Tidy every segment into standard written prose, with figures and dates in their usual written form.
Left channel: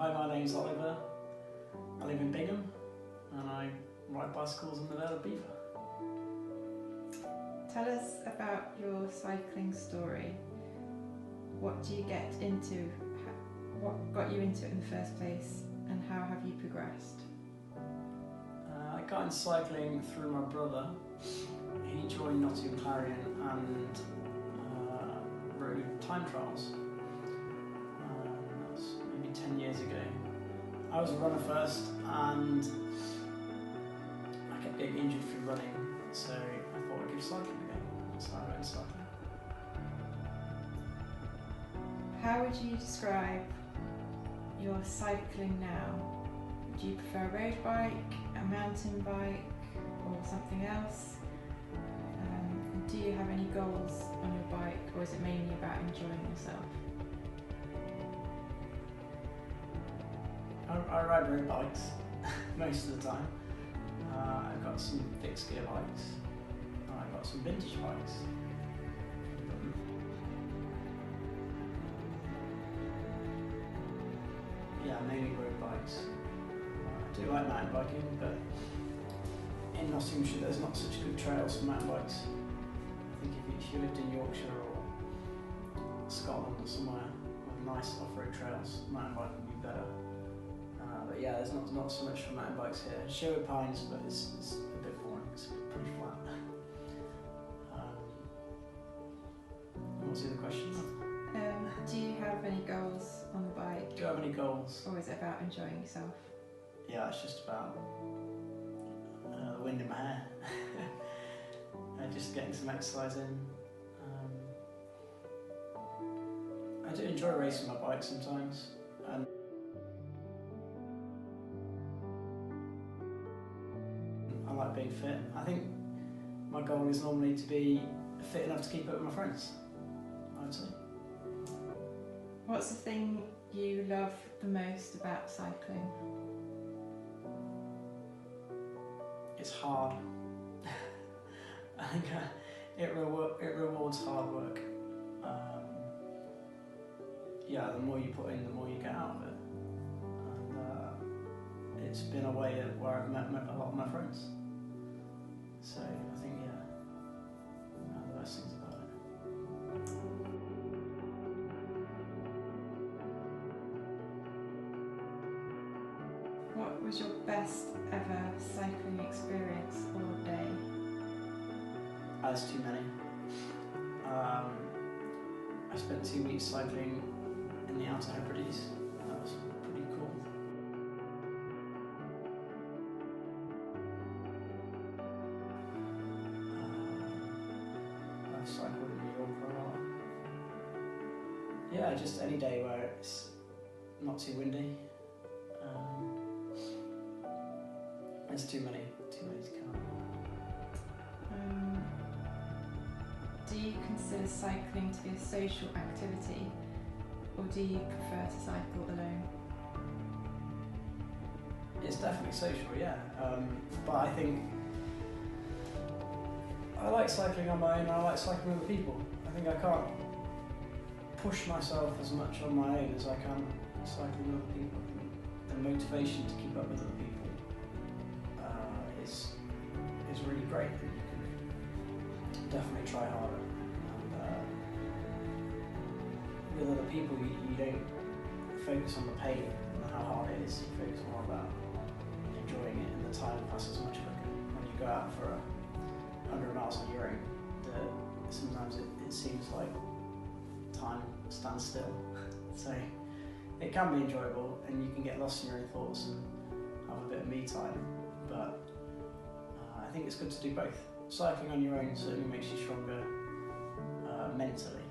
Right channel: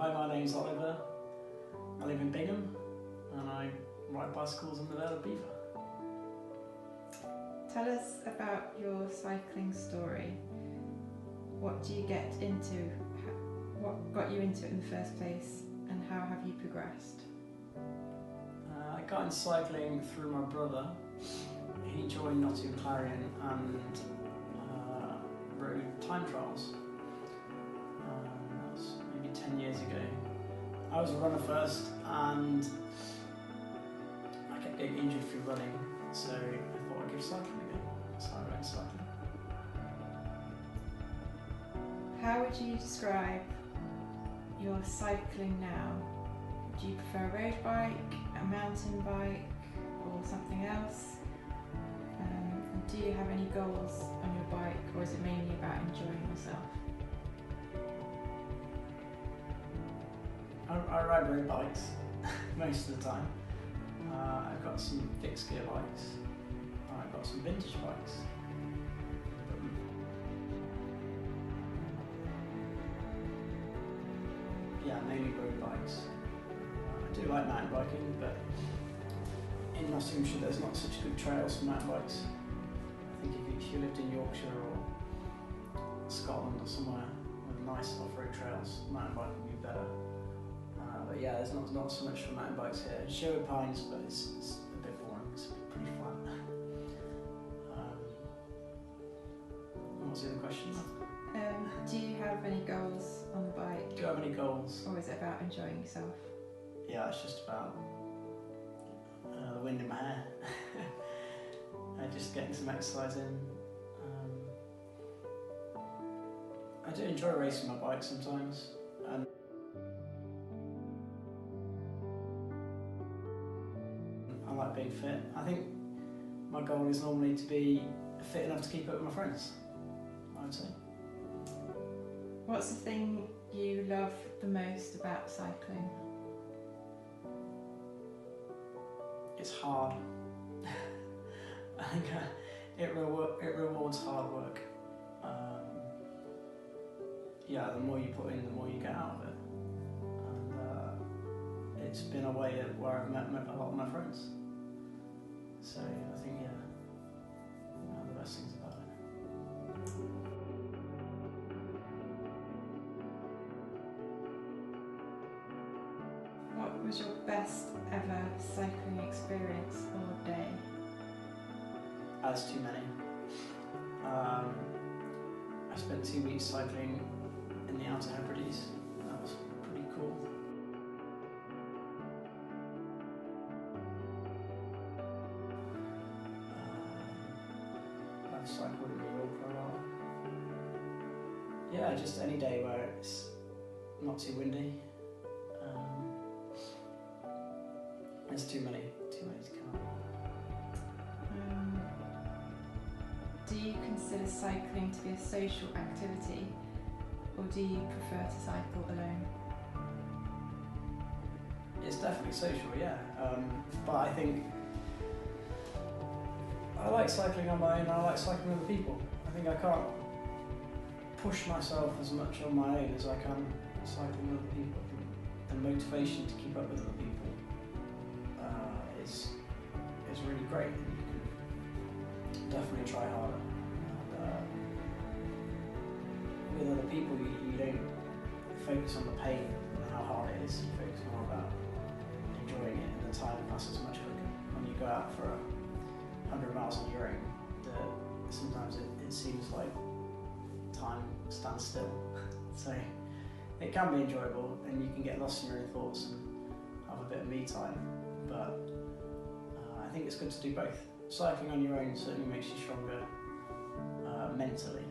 Hi, my name's Oliver. I live in Bingham and I ride bicycles in the Vale of Belvoir. Tell us about your cycling story. What do you get into? What got you into it in the first place, and how have you progressed? I got into cycling through my brother. He joined Nottingham Clarion and rode time trials. That was maybe 10 years ago. I was a runner first and I kept getting injured through running, so I thought I'd give cycling a go. That's how I got into cycling. How would you describe your cycling now? Do you prefer a road bike, a mountain bike, or something else? And do you have any goals on your bike, or is it mainly about enjoying yourself? I ride road bikes most of the time. I've got some fixed gear bikes. I've got some vintage bikes. Yeah, mainly road bikes. I do like mountain biking, but in Nottinghamshire there's not such good trails for mountain bikes. I think if you lived in Yorkshire or Scotland or somewhere with nice off-road trails, mountain biking would be better. But yeah, there's not so much for mountain bikes here. Sherwood Pines, but it's a bit boring. It's pretty flat. What was the other question? Do you have any goals on the bike? Do I have any goals? Or is it about enjoying yourself? Yeah, it's just about the wind in my hair. Just getting some exercise in. I do enjoy racing my bike sometimes. And I like being fit. I think my goal is normally to be fit enough to keep up with my friends, I would say. What's the thing you love the most about cycling? It's hard. I think it rewards hard work. Yeah, the more you put in, the more you get out of it. And it's been a way where I've met a lot of my friends. So I think, yeah, one of the best things about it. What was your best ever cycling experience or day? As too many. I spent 2 weeks cycling in the Outer Hebrides. That was pretty cool. I've cycled in New York for a while. Yeah, just any day where it's not too windy. There's too many to count. Do you consider cycling to be a social activity, or do you prefer to cycle alone? It's definitely social, yeah. But I think I like cycling on my own and I like cycling with other people. I think I can't push myself as much on my own as I can cycling with other people. I think the motivation to keep up with other people is really great, and you can definitely try harder. And with other people, you don't focus on the pain and how hard it is. You focus more about enjoying it, and the time passes much quicker. When you go out for 100 miles on your own, sometimes it seems like time stands still. So it can be enjoyable, and you can get lost in your own thoughts and have a bit of me time. But I think it's good to do both. Cycling on your own certainly makes you stronger mentally,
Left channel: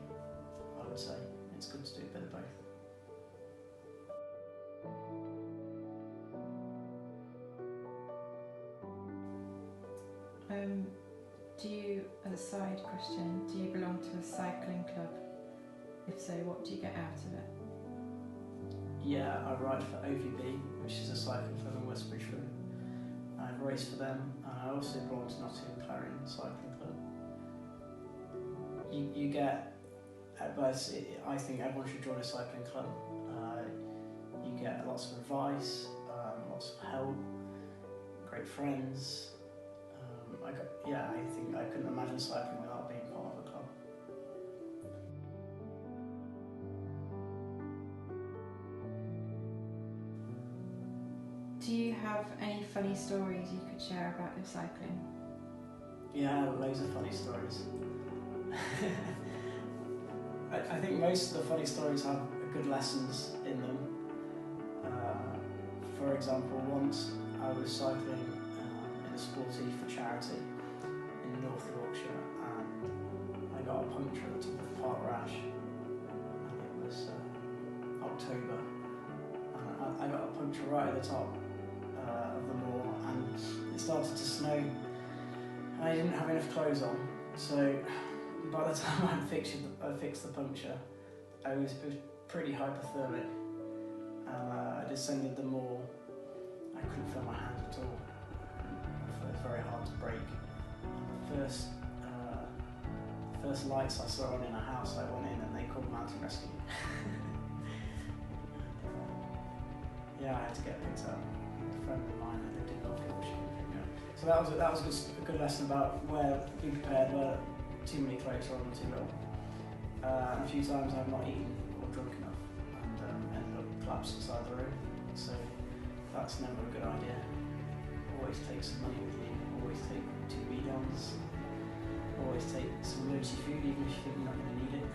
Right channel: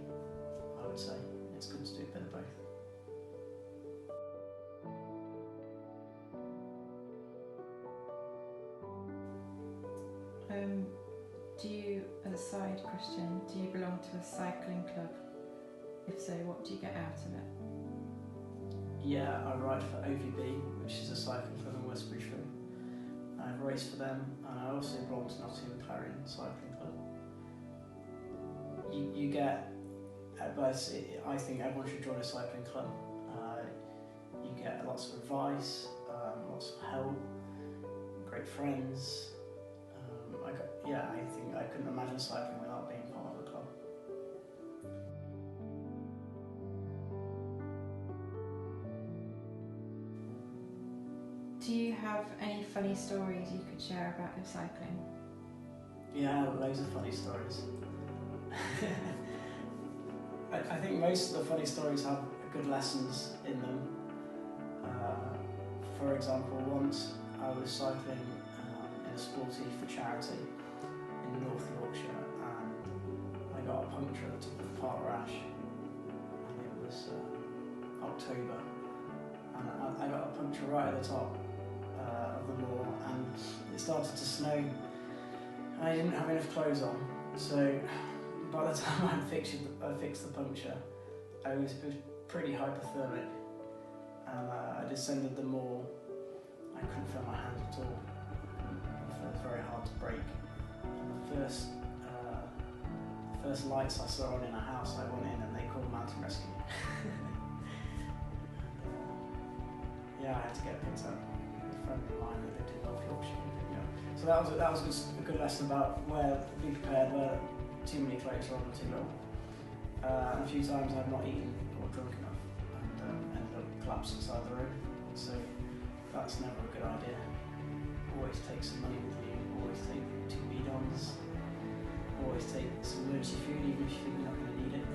I would say. It's good to do a bit of both. Do you, as a side question, do you belong to a cycling club? If so, what do you get out of it? Yeah, I ride for OVB, which is a cycling club in West Bridgeford. I've raced for them, and I also belong to Nottingham Clarion Cycling Club. You get, but I think everyone should join a cycling club. you get lots of advice, lots of help, great friends. I think I couldn't imagine cycling without being part of a club. Do you have any funny stories you could share about your cycling? Yeah, loads of funny stories. I think most of the funny stories have good lessons in them. For example, once I was cycling in a sporty for charity in North Yorkshire, and I got a puncture at the top of Park Rash, and it was October, and I got a puncture right at the top of the moor, and it started to snow, and I didn't have enough clothes on, so by the time I fixed the puncture, it was pretty hypothermic, and I descended the moor. I couldn't feel my hands at all. It was very hard to brake. And the first lights I saw on in a house, I went in and they called mountain rescue. And I had to get picked up. A friend of mine that lived in North Yorkshire came pick me up. So that was just a good lesson about be prepared, where too many clothes rather than too little. And a few times I've not eaten or drunk enough and ended up collapsed beside the road. So that's never a good idea. Always take some money with you, always take 2 bidons, always take some emergency food even if you think you're not going to need it.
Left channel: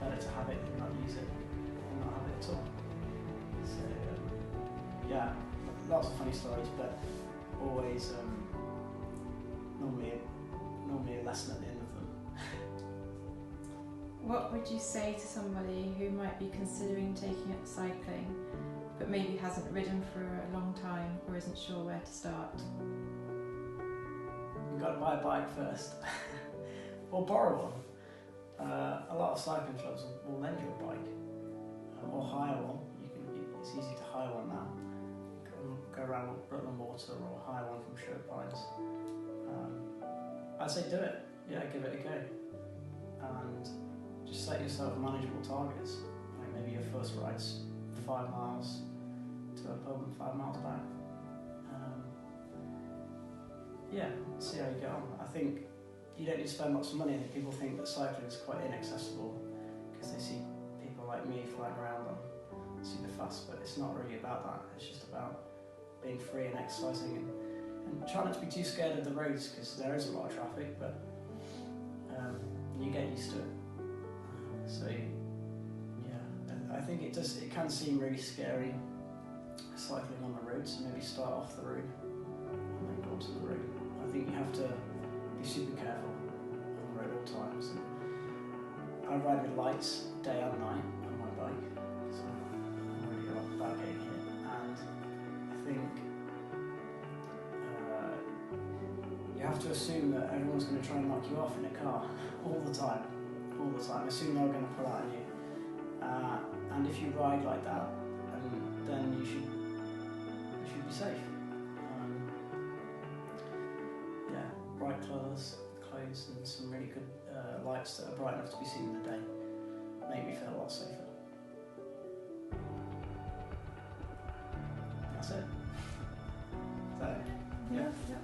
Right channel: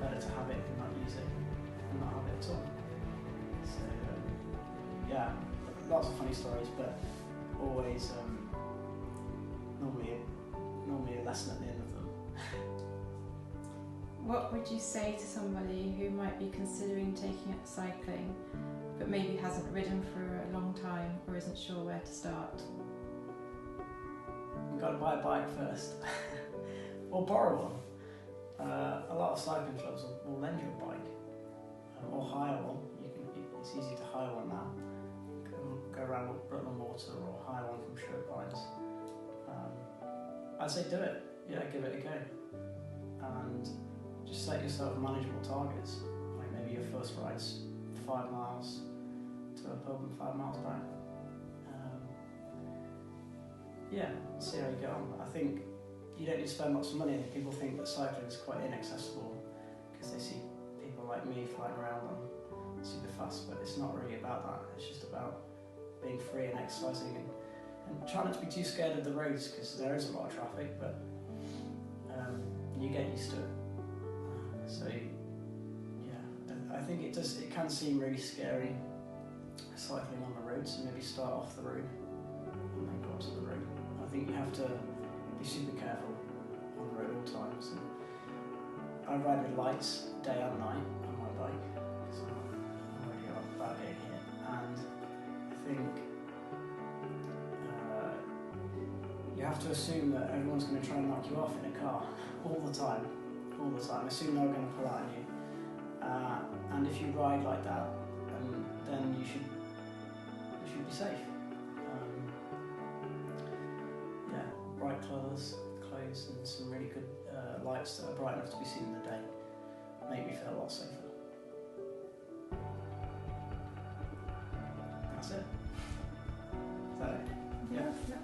Better to have it and not use it than not have it at all. So lots of funny stories, but always normally a lesson at the end of them. What would you say to somebody who might be considering taking up cycling but maybe hasn't ridden for a long time or isn't sure where to start? You've got to buy a bike first, or borrow one. A lot of cycling clubs will lend you a bike, or hire one. It's easy to hire one now. Go around with Rutland Water or hire one from Sherwood Pines. I'd say do it. Yeah, give it a go, and just set yourself manageable targets. Like maybe your first ride's 5 miles to a pub and 5 miles back. See how you get on. I think you don't need to spend lots of money. And people think that cycling is quite inaccessible because they see people like me flying around on super fast, but it's not really about that. It's just about being free and exercising and try not to be too scared of the roads, because there is a lot of traffic, but you get used to it. I think it can seem really scary cycling on the road, so maybe start off the road and then go onto the road. I think you have to be super careful on the road all times. And I ride with lights day and night on my bike, because I'm worried about getting hit, and I think you have to assume that everyone's going to try and knock you off in a car all the time. Assume they're going to pull out on you. And if you ride like that, then you should be safe. Bright colours, clothes, and some really good lights that are bright enough to be seen in the day make me feel a lot safer. That's it. Is that it? Yeah.